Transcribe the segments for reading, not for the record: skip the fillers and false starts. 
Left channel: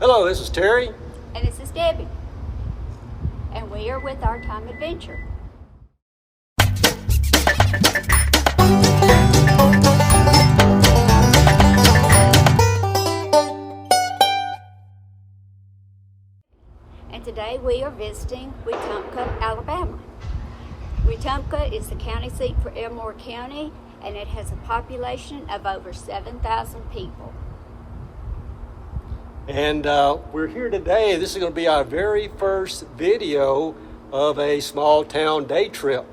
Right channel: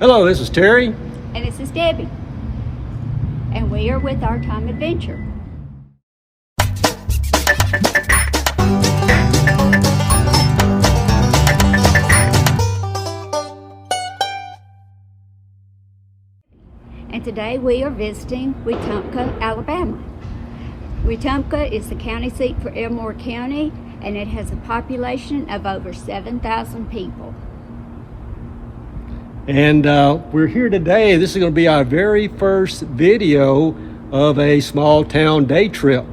Hello, this is Terry. And this is Debbie. And we are with Our Time Adventure. And today we are visiting Wetumpka, Alabama. Wetumpka is the county seat for Elmore County, and it has a population of over 7,000 people. And we're here today. This is going to be our very first video of a small town day trip.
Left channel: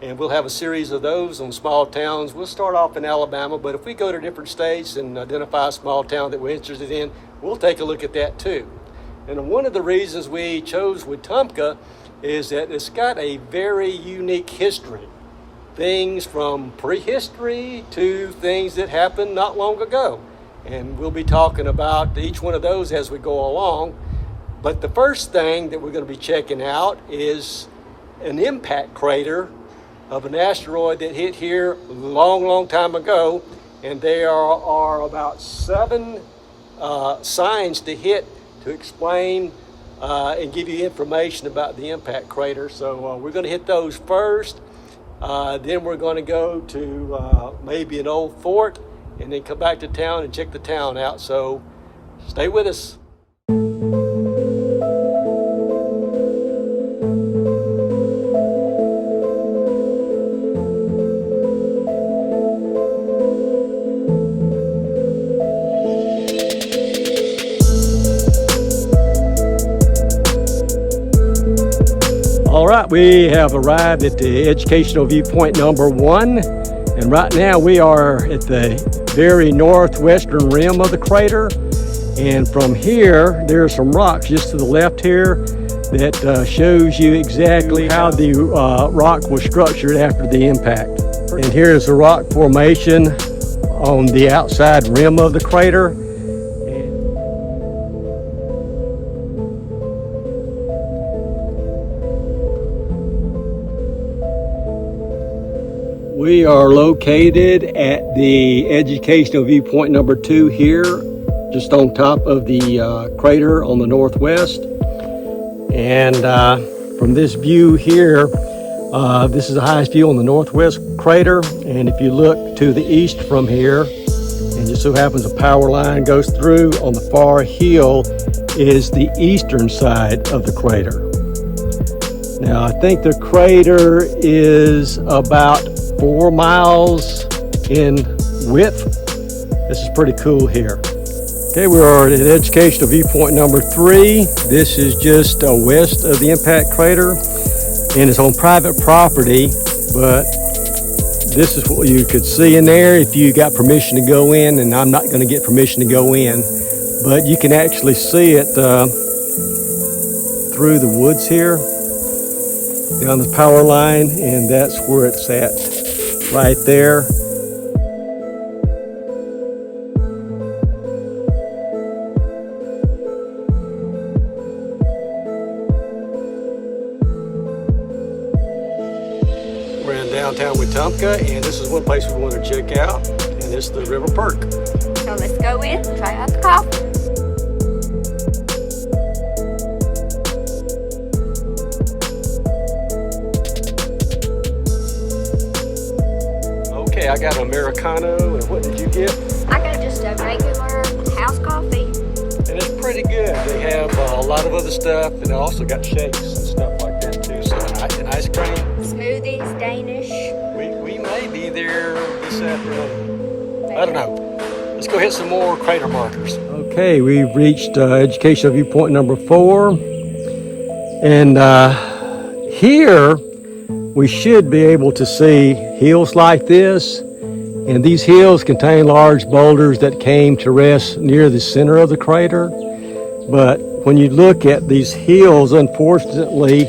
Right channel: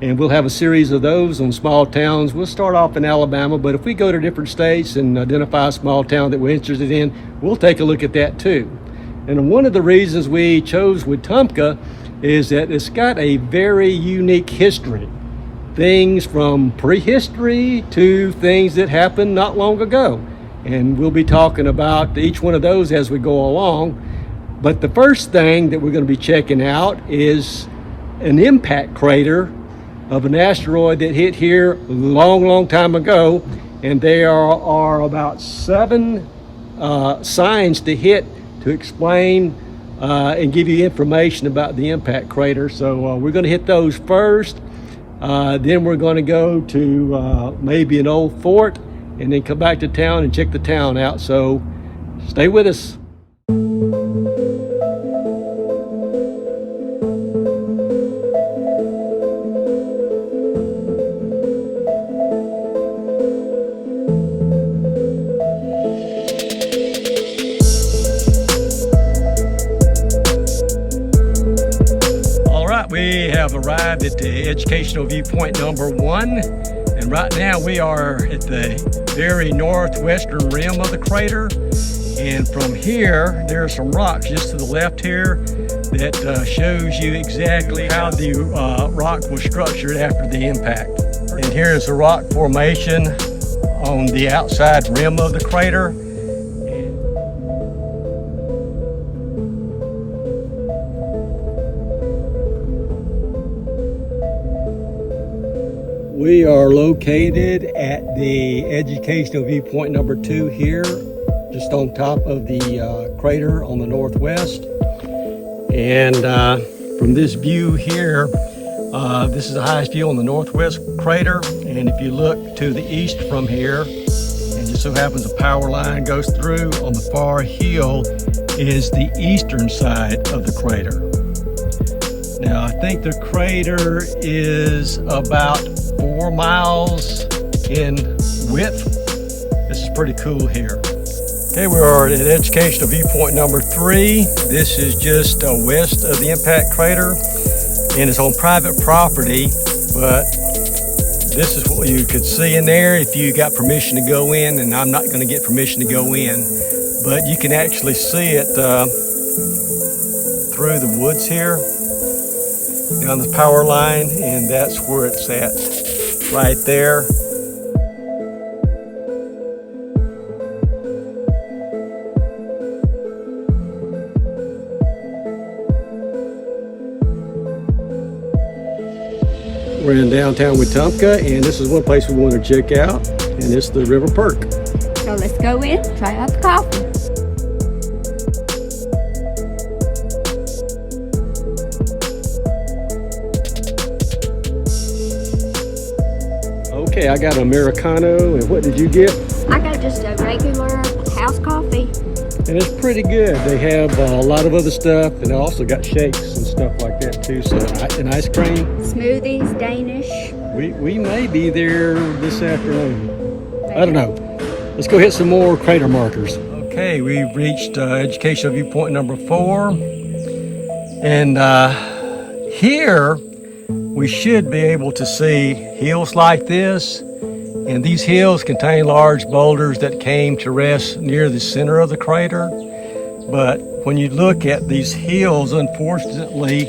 And we'll have a series of those on small towns. We'll start off in Alabama, but if we go to different states and identify a small town that we're interested in, we'll take a look at that too. And one of the reasons we chose Wetumpka is that it's got a very unique history. Things from prehistory to things that happened not long ago. And we'll be talking about each one of those as we go along. But the first thing that we're going to be checking out is an impact crater of an asteroid that hit here a long time ago. And there are about 7 signs to hit to explain and give you information about the impact crater. So we're going to hit those first. Then we're going to go to maybe an old fort, and then come back to town and check the town out. So stay with us. All right, we have arrived at the educational viewpoint number 1. And right now we are at the very northwestern rim of the crater. And from here, there are some rocks just to the left here that shows you exactly how the rock was structured after the impact. And here's the rock formation on the outside rim of the crater. We are located at the educational viewpoint number 2 here, just on top of the crater on the northwest. And from this view here, this is the highest view on the northwest crater. And if you look to the east from here, and just so happens a power line goes through, on the far hill is the eastern side of the crater. Now I think the crater is about 4 miles in width. This is pretty cool here. Okay, we are at educational viewpoint number 3. This is just west of the impact crater, and it's on private property, but this is what you could see in there if you got permission to go in, and I'm not going to get permission to go in, but you can actually see it through the woods here, down the power line, and that's where it's at. Right there. We're in downtown Wetumpka, and this is one place we want to check out, and it's the River Perk. So let's go in, try out the coffee. I got an Americano, and what did you get? I got just a regular house coffee. And it's pretty good. They have a lot of other stuff, and they also got shakes and stuff like that too. So, and ice cream. Smoothies, Danish. We may be there this afternoon. I don't know. Let's go hit some more crater markers. Okay, we've reached educational viewpoint number 4. And here, we should be able to see hills like this, and these hills contain large boulders that came to rest near the center of the crater. But when you look at these hills, unfortunately,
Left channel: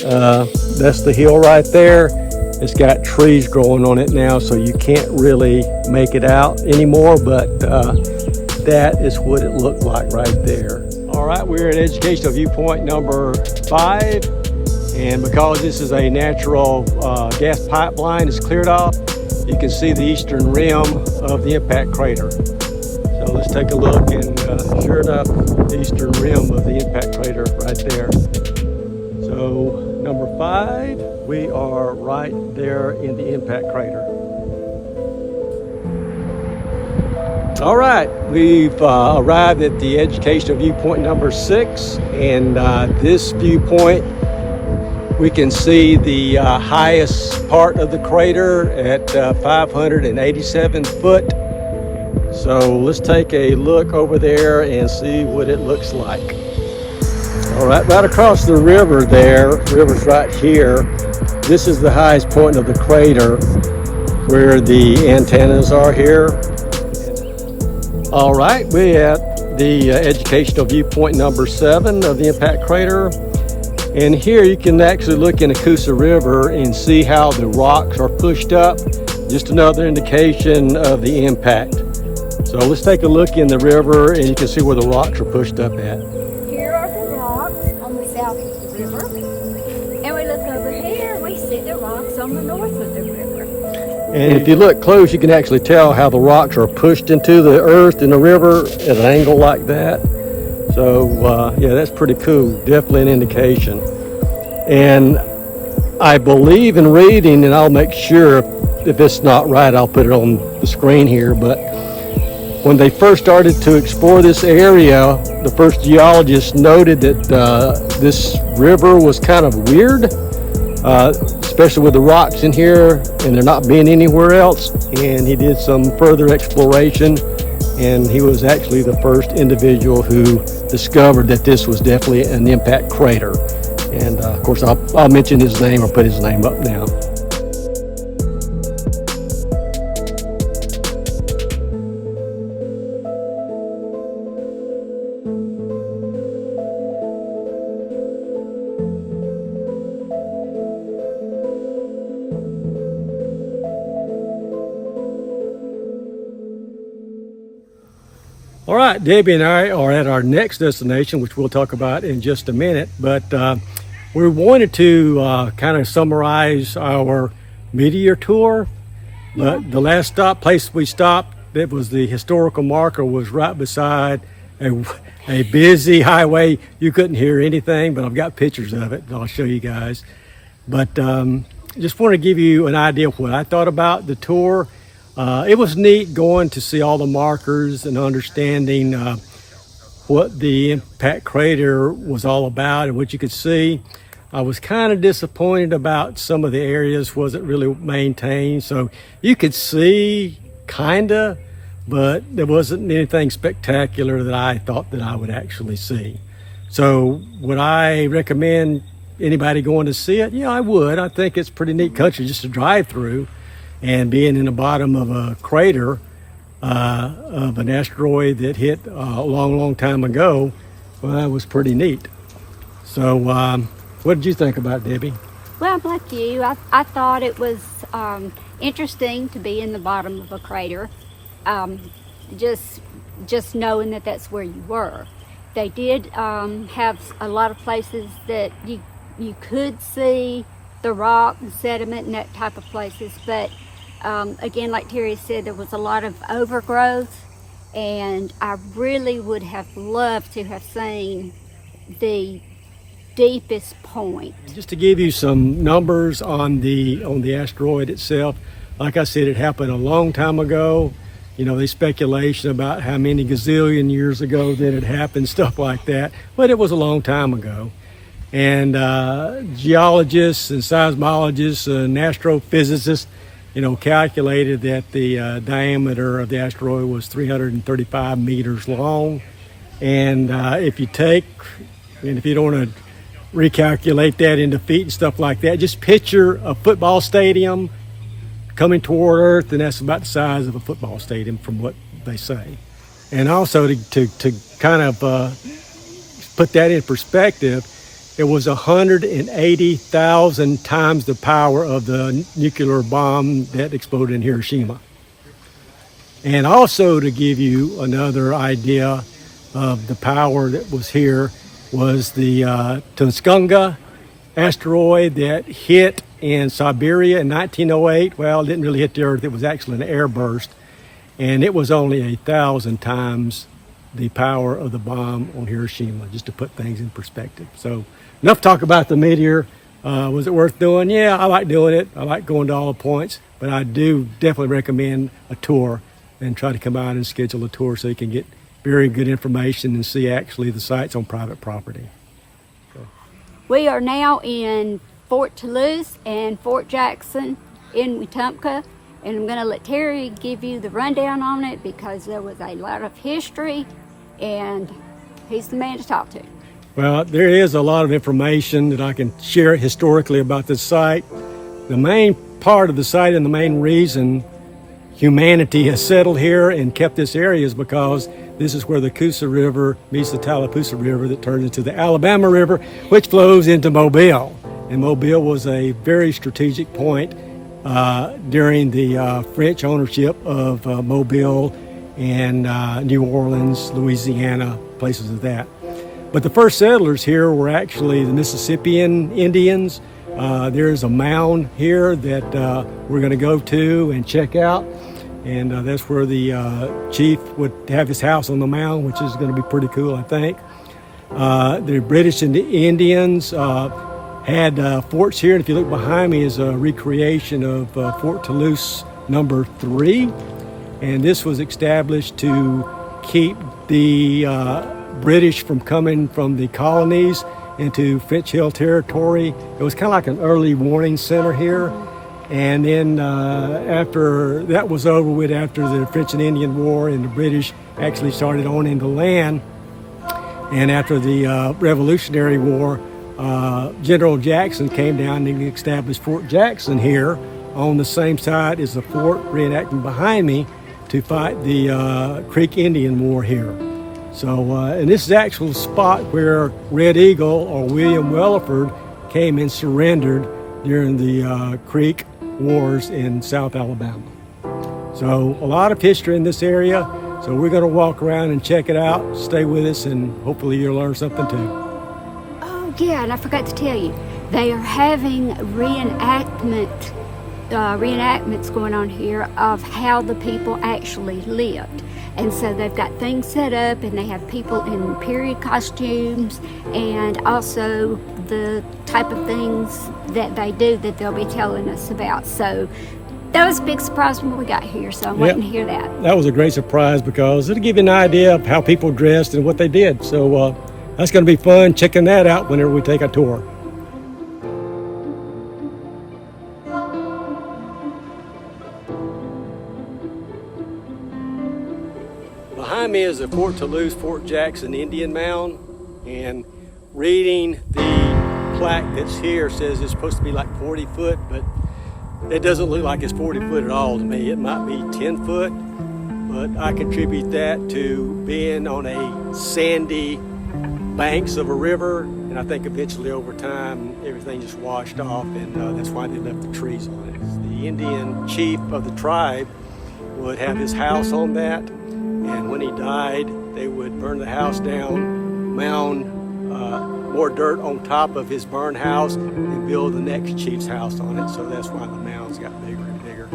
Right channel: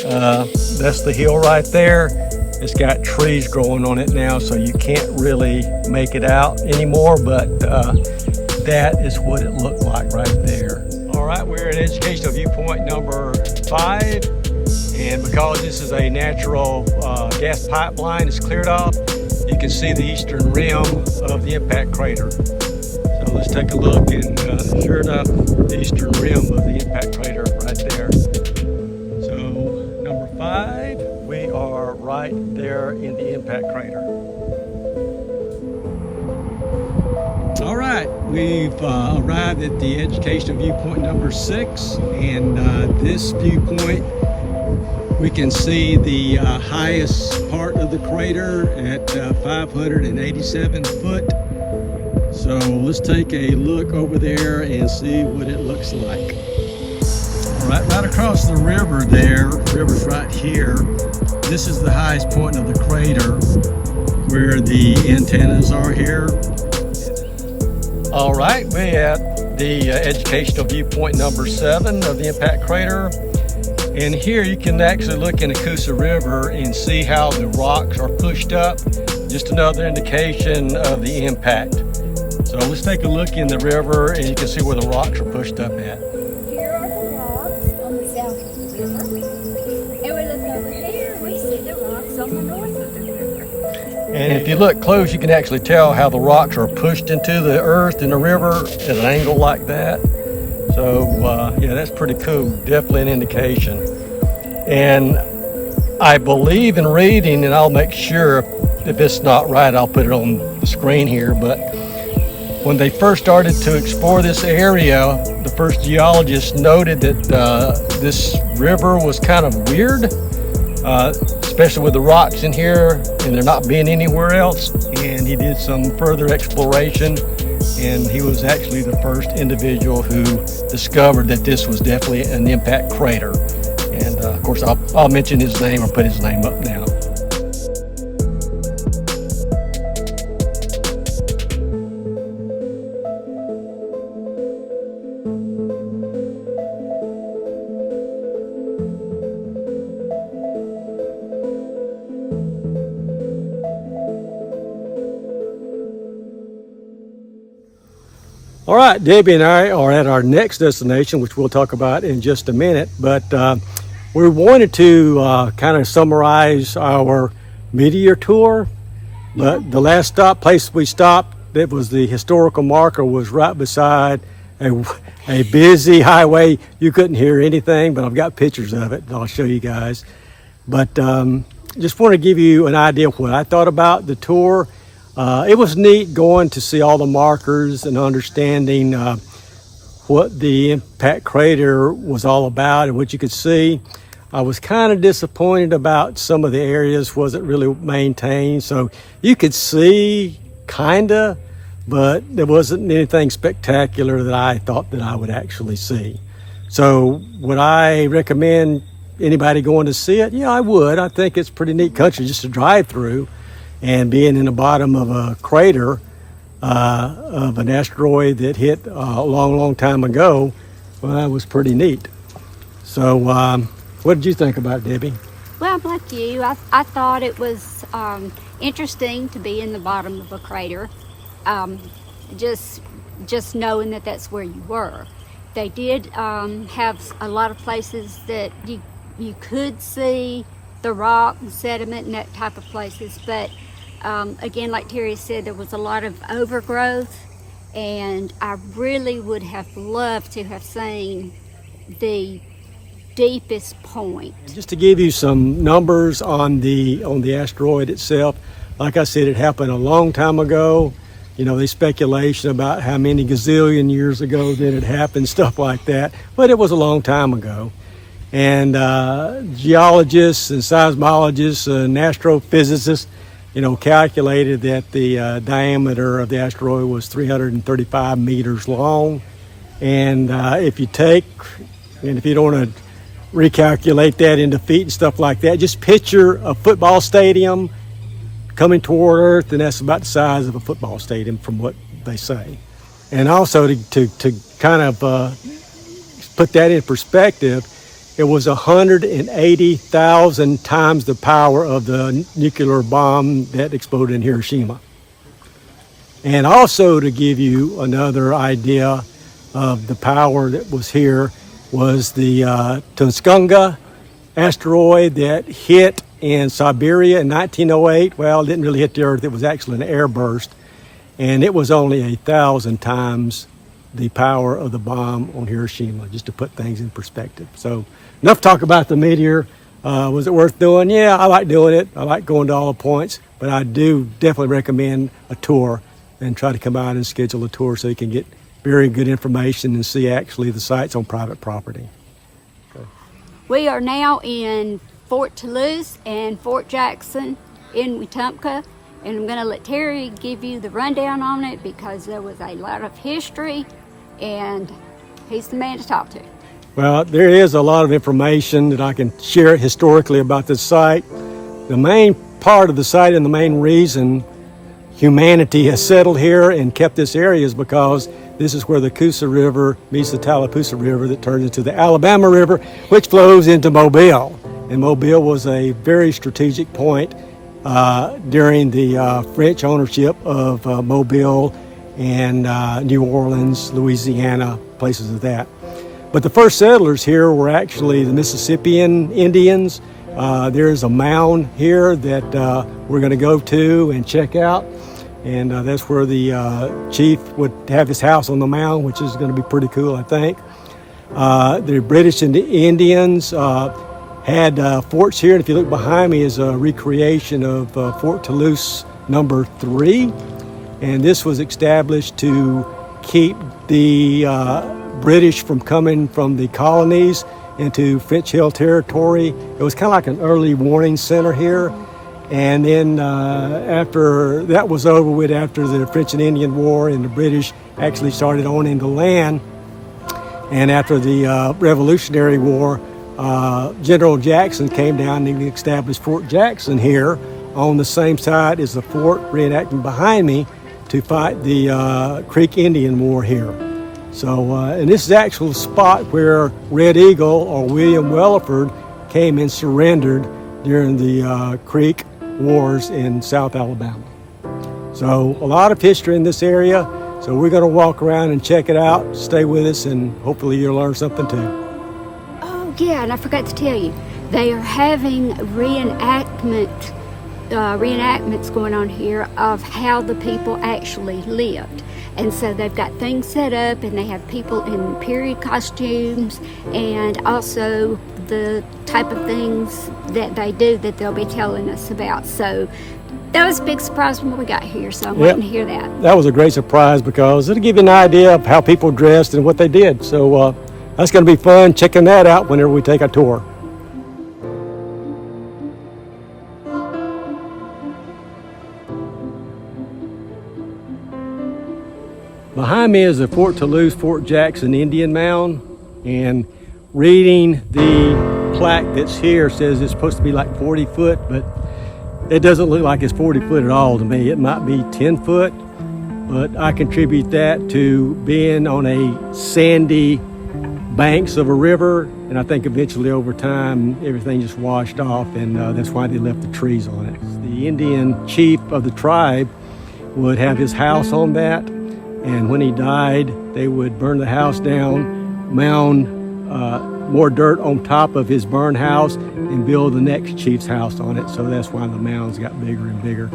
that's the hill right there. It's got trees growing on it now, so you can't really make it out anymore, but that is what it looked like right there. All right, we're at educational viewpoint number 5. And because this is a natural gas pipeline, it's cleared off, you can see the eastern rim of the impact crater. So let's take a look, and sure enough, the eastern rim of the impact crater right there. So number 5, we are right there in the impact crater. All right, we've arrived at the educational viewpoint number 6, and this viewpoint, we can see the highest part of the crater at 587 foot. So let's take a look over there and see what it looks like. All right, right across the river there, river's right here. This is the highest point of the crater where the antennas are here. All right, we're at the educational viewpoint number 7 of the impact crater. And here you can actually look in the Coosa River and see how the rocks are pushed up. Just another indication of the impact. So let's take a look in the river and you can see where the rocks are pushed up at. Here are the rocks on the south of the river. And we look over here and we see the rocks on the north of the river. And if you look close, you can actually tell how the rocks are pushed into the earth in the river at an angle like that. So yeah, that's pretty cool. Definitely an indication. And I believe in reading, and I'll make sure if it's not right, I'll put it on the screen here, but when they first started to explore this area, the first geologist noted that this river was kind of weird, especially with the rocks in here and there not being anywhere else. And he did some further exploration, and he was actually the first individual who discovered that this was definitely an impact crater. And of course, I'll mention his name or put his name up now. All right, Debbie and I are at our next destination, which we'll talk about in just a minute, but we wanted to kind of summarize our meteor tour. But the last place we stopped, it was the historical marker, was right beside a busy highway. You couldn't hear anything, but I've got pictures of it, and I'll show you guys. But just want to give you an idea of what I thought about the tour. It was neat going to see all the markers and understanding what the impact crater was all about and what you could see. I was kind of disappointed about some of the areas wasn't really maintained. So you could see kinda, but there wasn't anything spectacular that I thought that I would actually see. So would I recommend anybody going to see it? Yeah, I would. I think it's pretty neat country just to drive through. And being in the bottom of a crater of an asteroid that hit a long time ago, well, that was pretty neat. So what did you think about it, Debbie? Well, like you, I thought it was interesting to be in the bottom of a crater, just knowing that that's where you were. They did have a lot of places that you could see the rock and sediment and that type of places, but again, like Terry said, there was a lot of overgrowth, and I really would have loved to have seen the deepest point. Just to give you some numbers on the asteroid itself, like I said, it happened a long time ago. You know, there's speculation about how many gazillion years ago that it happened, stuff like that, but it was a long time ago. And geologists and seismologists and astrophysicists, you know, calculated that the diameter of the asteroid was 335 meters long. And if you don't want to recalculate that into feet and stuff like that, just picture a football stadium coming toward Earth, and that's about the size of a football stadium from what they say. And also to kind of put that in perspective, it was 180,000 times the power of the nuclear bomb that exploded in Hiroshima. And also to give you another idea of the power that was here was the Wetumpka asteroid that hit in Siberia in 1908. Well, it didn't really hit the Earth. It was actually an airburst. and it was only 1,000 times the power of the bomb on Hiroshima, just to put things in perspective. So enough talk about the meteor. Was it worth doing? Yeah, I like doing it. I like going to all the points, but I do definitely recommend a tour and try to come out and schedule a tour so you can get very good information and see actually the sites on private property. We are now in Fort Toulouse and Fort Jackson in Wetumpka, and I'm going to let Terry give you the rundown on it because there was a lot of history and he's the man to talk to. Well, there is a lot of information that I can share historically about this site. The main part of the site and the main reason humanity has settled here and kept this area is because this is where the Coosa River meets the Tallapoosa River that turns into the Alabama River, which flows into Mobile. And Mobile was a very strategic point during the French ownership of Mobile and New Orleans, Louisiana, places of that. But the first settlers here were actually the Mississippian Indians. There's a mound here that we're going to go to and check out. And that's where the chief would have his house on the mound, which is going to be pretty cool, I think. The British and the Indians had forts here. And if you look behind me is a recreation of Fort Toulouse number 3. And this was established to keep the British from coming from the colonies into French Hill territory. It was kind of like an early warning center here. And then after that was over with, after the French and Indian War and the British actually started owning the land, and after the Revolutionary War, General Jackson came down and established Fort Jackson here on the same side as the fort reenacting behind me to fight the Creek Indian War here. So, and this is the actual spot where Red Eagle or William Welliford came and surrendered during the Creek Wars in South Alabama. So a lot of history in this area. So we're going to walk around and check it out. Stay with us and hopefully you'll learn something too. Oh yeah, and I forgot to tell you, they are having reenactments going on here of how the people actually lived. And so they've got things set up and they have people in period costumes and also the type of things that they do that they'll be telling us about. So that was a big surprise when we got here, so I'm waiting to hear that. That was a great surprise because it'll give you an idea of how people dressed and what they did. So that's going to be fun checking that out whenever we take a tour. Behind me is the Fort Toulouse, Fort Jackson Indian Mound, and reading the plaque that's here says it's supposed to be like 40 foot, but it doesn't look like it's 40 foot at all to me. It might be 10 foot, but I contribute that to being on a sandy banks of a river, and I think eventually over time everything just washed off, and that's why they left the trees on it. The Indian chief of the tribe would have his house on that, and when he died, they would burn the house down, mound more dirt on top of his burned house, and build the next chief's house on it. So that's why the mounds got bigger and bigger.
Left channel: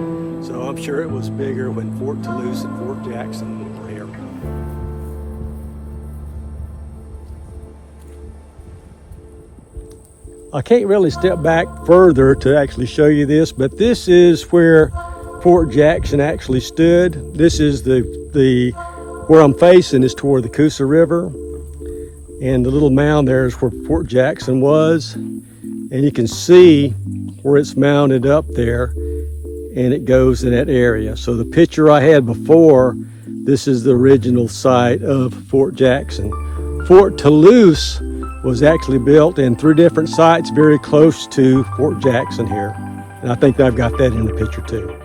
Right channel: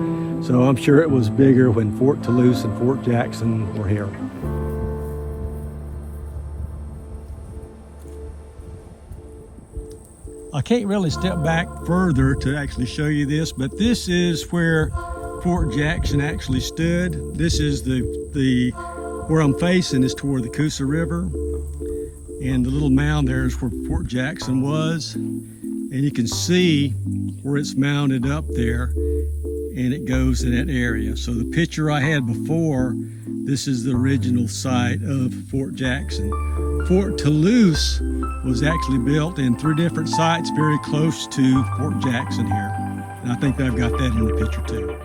So I'm sure it was bigger when Fort Toulouse and Fort Jackson were here. I can't really step back further to actually show you this, but this is where Fort Jackson actually stood. This is where I'm facing is toward the Coosa River, and the little mound there is where Fort Jackson was, and you can see where it's mounted up there, and it goes in that area. So the picture I had before, this is the original site of Fort Jackson. Fort Toulouse was actually built in 3 different sites very close to Fort Jackson here, and I think I've got that in the picture too.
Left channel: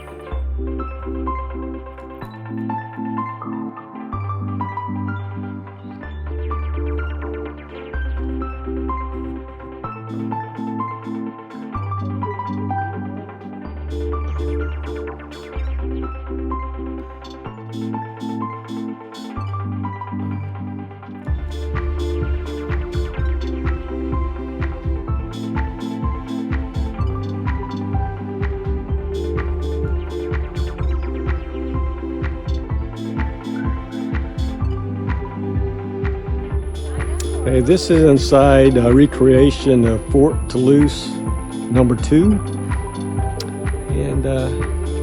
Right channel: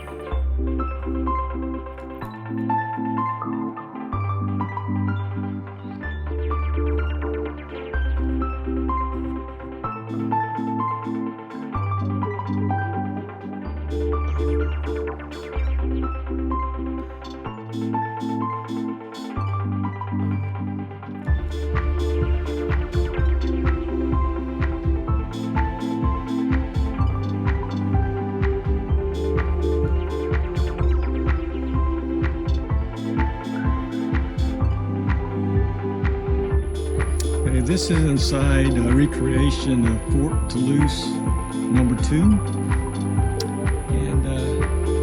Hey, this is inside a recreation of Fort Toulouse #2, and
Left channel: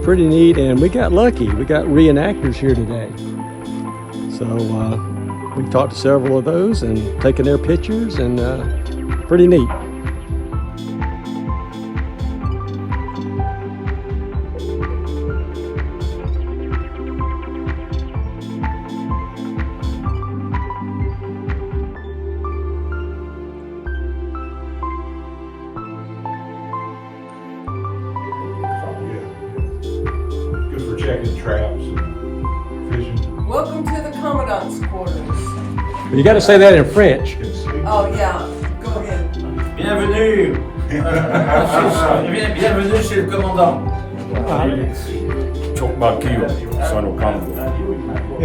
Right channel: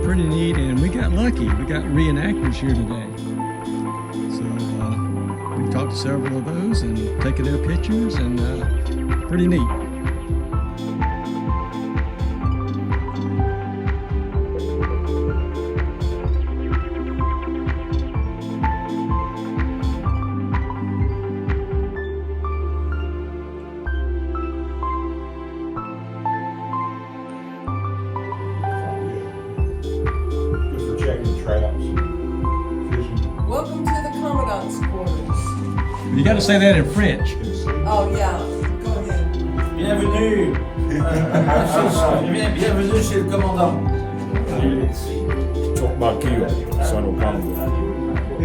pretty neat. And we got lucky. We got reenactors here today, so we talked to several of those and taken their pictures, and pretty neat. Traps, fishing. Welcome to the Commandant's quarters. You got to say that in French. Oh yeah, go ahead. Bienvenue. Bienvenue chez le commandant. Chokmakio, son of Congo.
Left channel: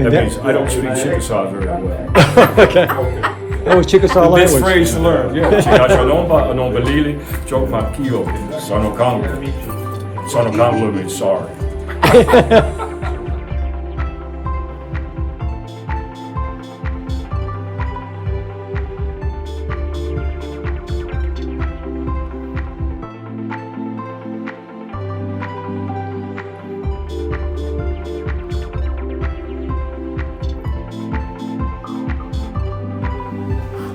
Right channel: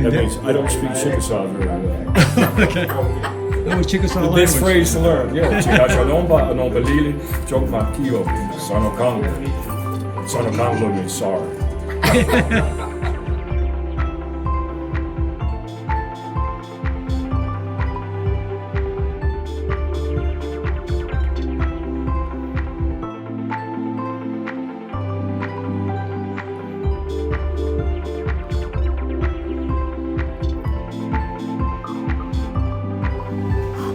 That means I don't speak Chickasaw very well. Okay. That was Chickasaw This language. phrase to learn, yeah. Chokmakio, son of Congo. Son of Congo means sorry.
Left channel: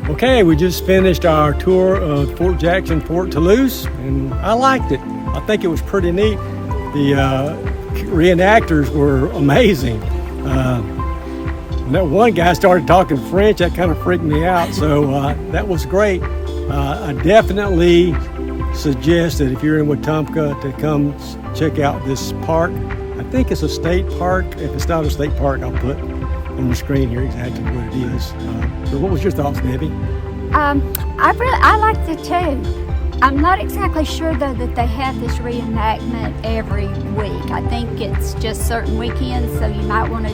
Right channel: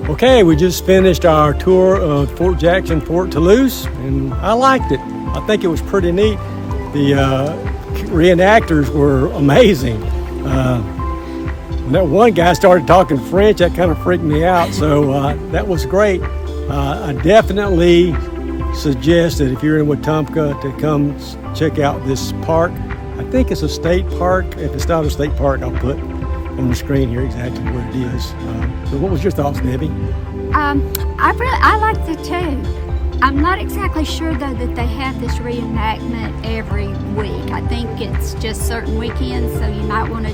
Okay, we just finished our tour of Fort Jackson, Fort Toulouse, and I liked it. I think it was pretty neat. The reenactors were amazing. That one guy started talking French, that kind of freaked me out, so that was great. I definitely suggest that if you're in Wetumpka to come check out this park. I think it's a state park. If it's not a state park, I'll put on the screen here exactly what it is. So what was your thoughts, Debbie? I liked it too. I'm not exactly sure though that they have this reenactment every week. I think it's just certain weekends, so you might want to,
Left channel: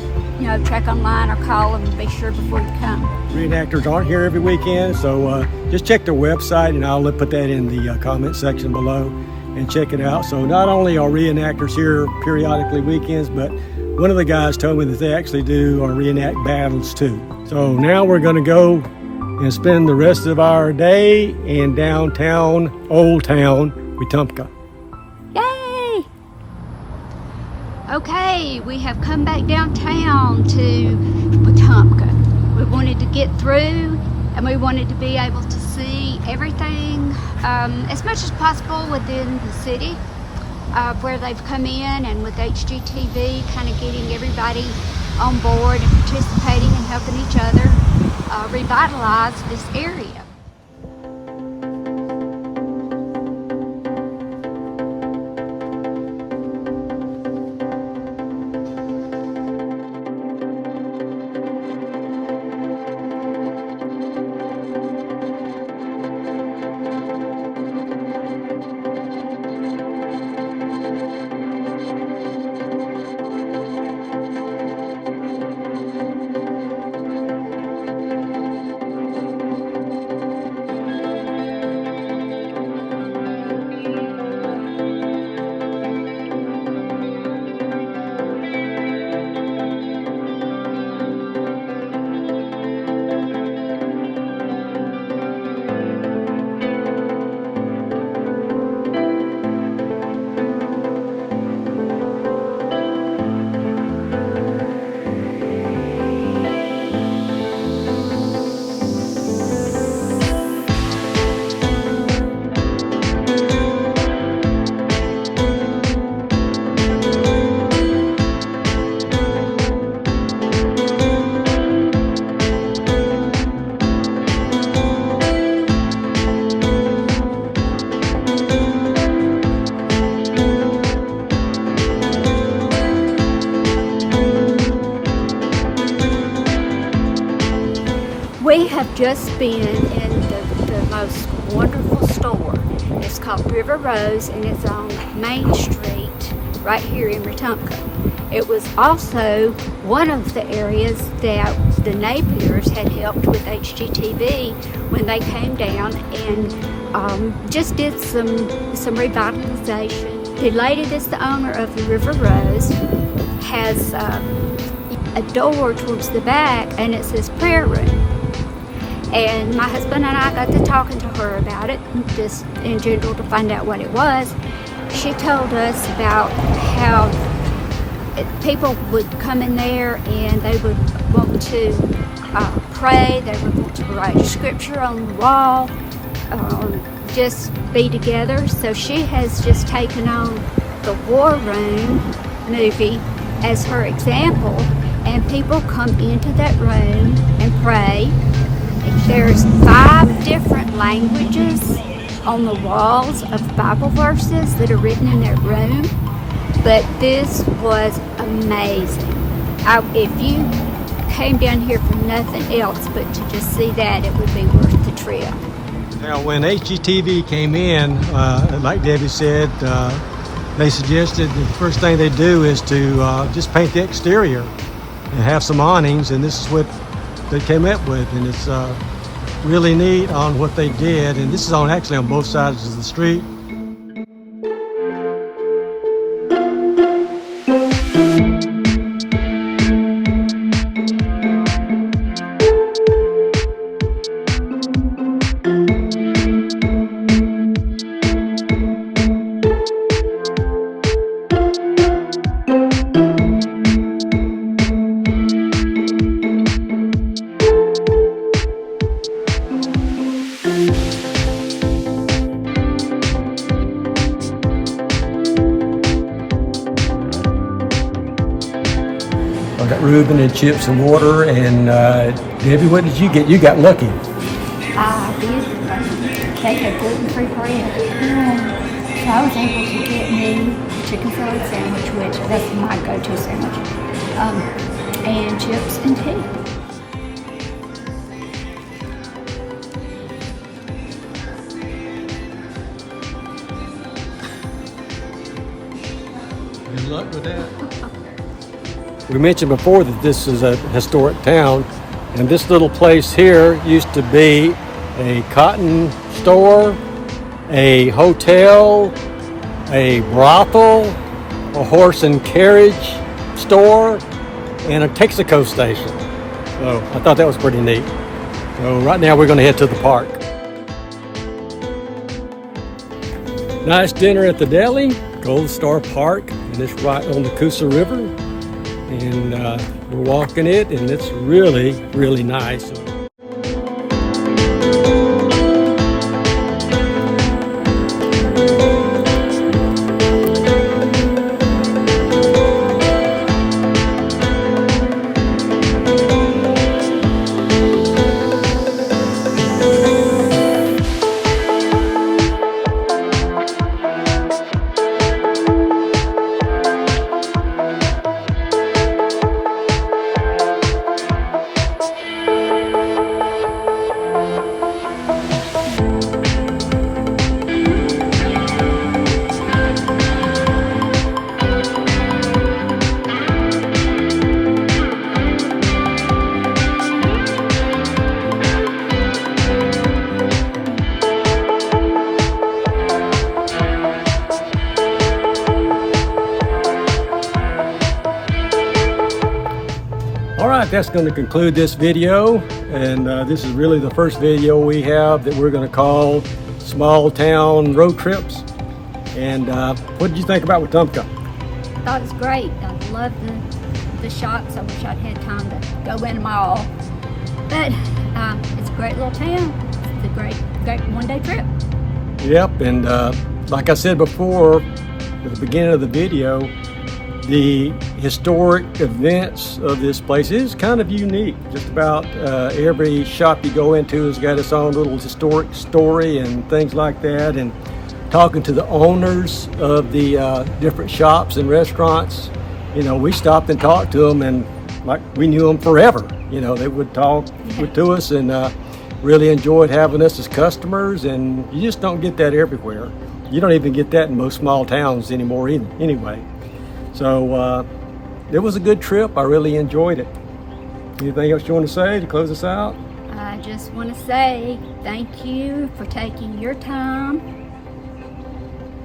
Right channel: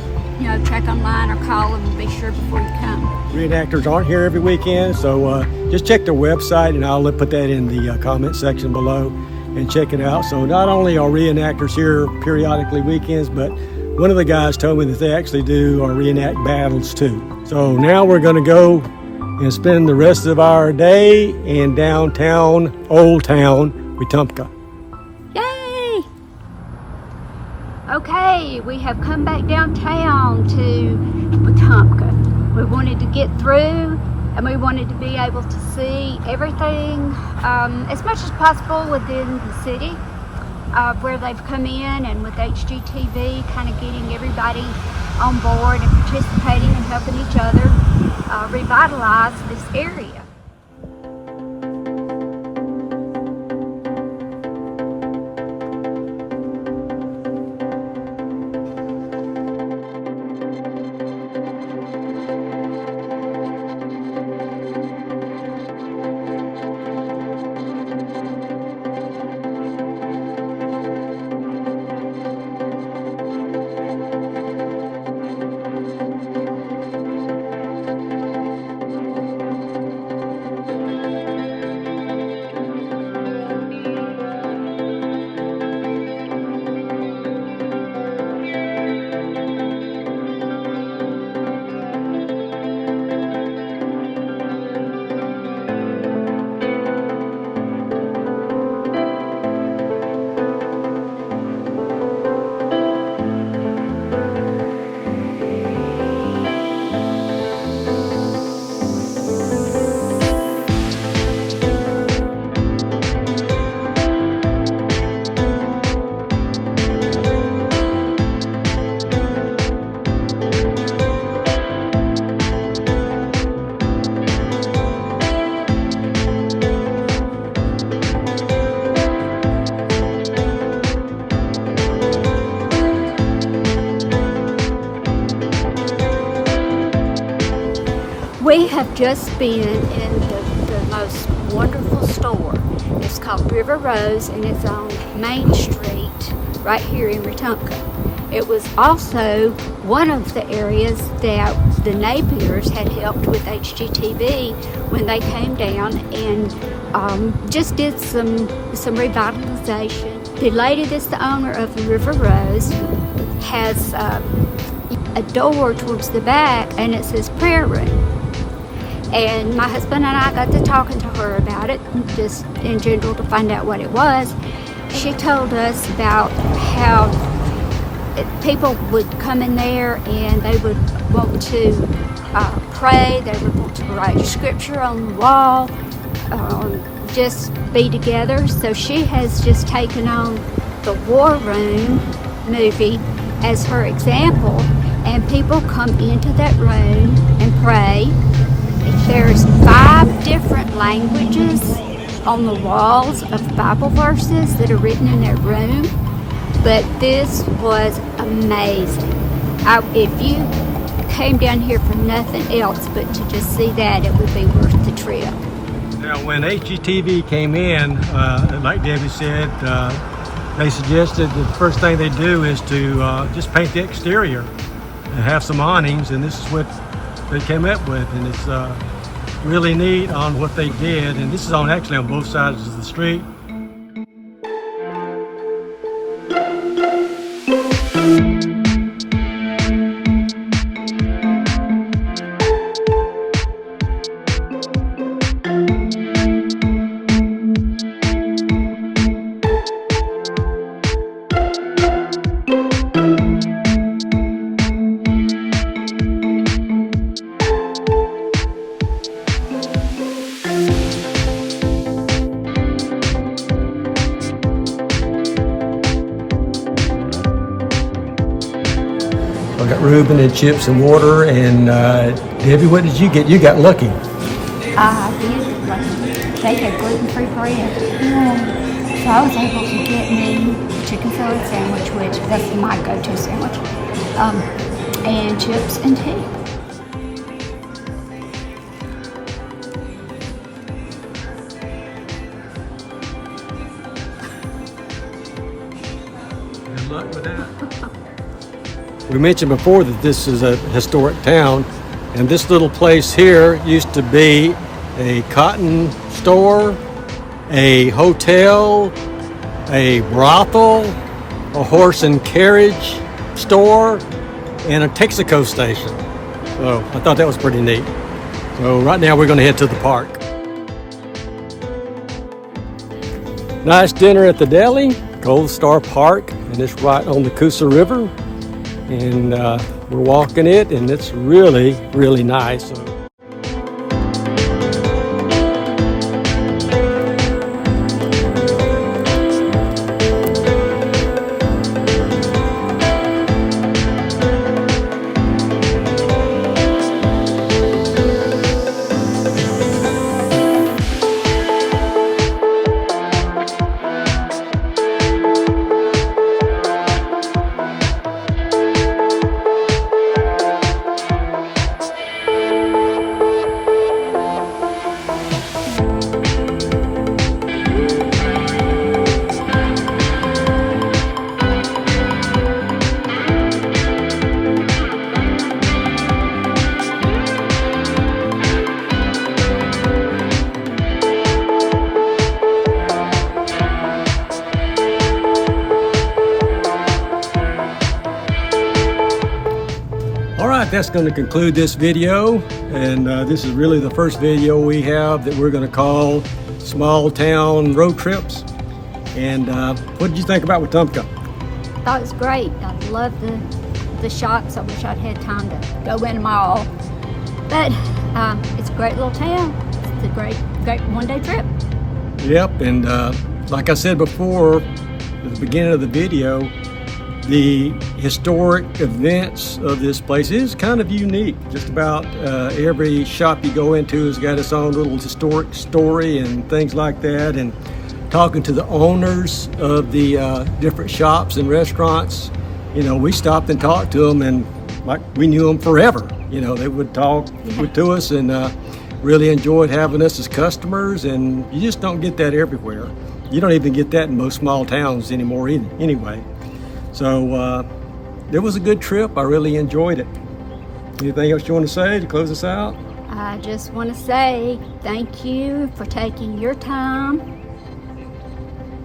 check online or call them and be sure before you come. Reenactors aren't here every weekend, so just check their website, and I'll put that in the comment section below and check it out. So not only are reenactors here periodically weekends, but one of the guys told me that they actually do reenact battles too. So now we're going to go and spend the rest of our day in downtown, Old Town, Wetumpka. Yay! Okay, we have come back downtown to Wetumpka. We wanted to get through, and we wanted to be able to see everything as much as possible within the city, where they've come in, and with HGTV kind of getting everybody on board and participating and helping each other revitalize this area. We have just been in the most wonderful store. It's called River Rose, and it's on Main Street right here in Wetumpka. It was also one of the areas that the Napiers had helped with HGTV when they came down and just did some revitalization. The lady that's the owner of the River Rose has a door towards the back, and it says prayer room. And my husband and I got to talking to her about it, just in general to find out what it was. She told us about how people would come in there and they would want to pray, they would want to write scripture on the wall, just be together. So she has just taken on the War Room movie as her example, and people come into that room and pray. There's 5 different languages on the walls of Bible verses that are written in that room, but this was amazing. If you came down here for nothing else but to just see that, it would be worth the trip. Now, when HGTV came in, like Debbie said, they suggested the first thing they do is to just paint the exterior and have some awnings, and this is what they came up with, and it's really neat on what they did. And this is actually on both sides of the street. I got Reuben and chips and water. And Debbie, what did you get? You got lucky. I did, like, they had gluten-free bread. So I was able to get me a chicken salad sandwich, which that's my go-to sandwich, and chips and tea. Good luck with that. We mentioned before that this is a historic town, and this little place here used to be a cotton store, a hotel, a brothel, a horse and carriage store, and a Texaco station. So I thought that was pretty neat. So right now we're going to head to the park. Nice dinner at the deli, Gold Star Park, and it's right on the Coosa River. And we're walking it, and it's really, really nice. All right, that's going to conclude this video, and this is really the first video we have that we're going to call Small Town Road Trips. And what did you think about Wetumpka? I thought it was great. I loved the shops. I wish I'd had time to go in them all. But it's a great little town. It's a great one-day trip. Yep, and like I said before at the beginning of the video, the historic events of this place is kind of unique. Just about every shop you go into has got its own little historic story and things like that. And talking to the owners of the different shops and restaurants, you know, we stopped and talked to them, and like we knew them forever. You know, they would talk to us and really enjoyed having us as customers. And you just don't get that everywhere. You don't even get that in most small towns anymore anyway. So it was a good trip. I really enjoyed it. Anything else you want to say to close us out? I just want to say thank you for taking your time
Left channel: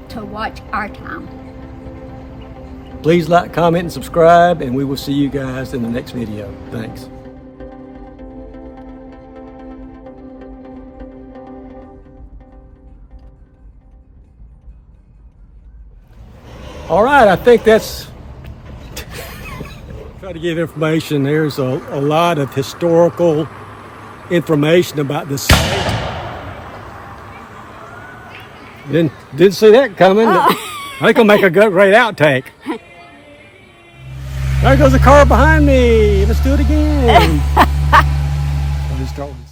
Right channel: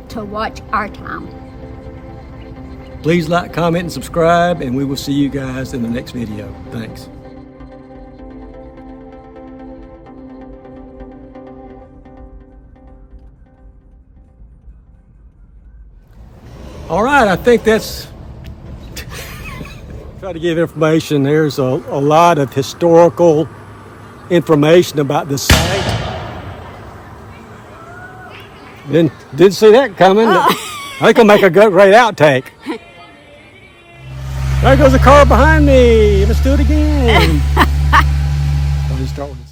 to watch our town. Please like, comment, and subscribe, and we will see you guys in the next video. Thanks. All right, I think that's try to give information. There's a lot of historical information about the site. Didn't see that coming. I think I'll make a great outtake. There goes a car behind me. Let's do it again. Let me start with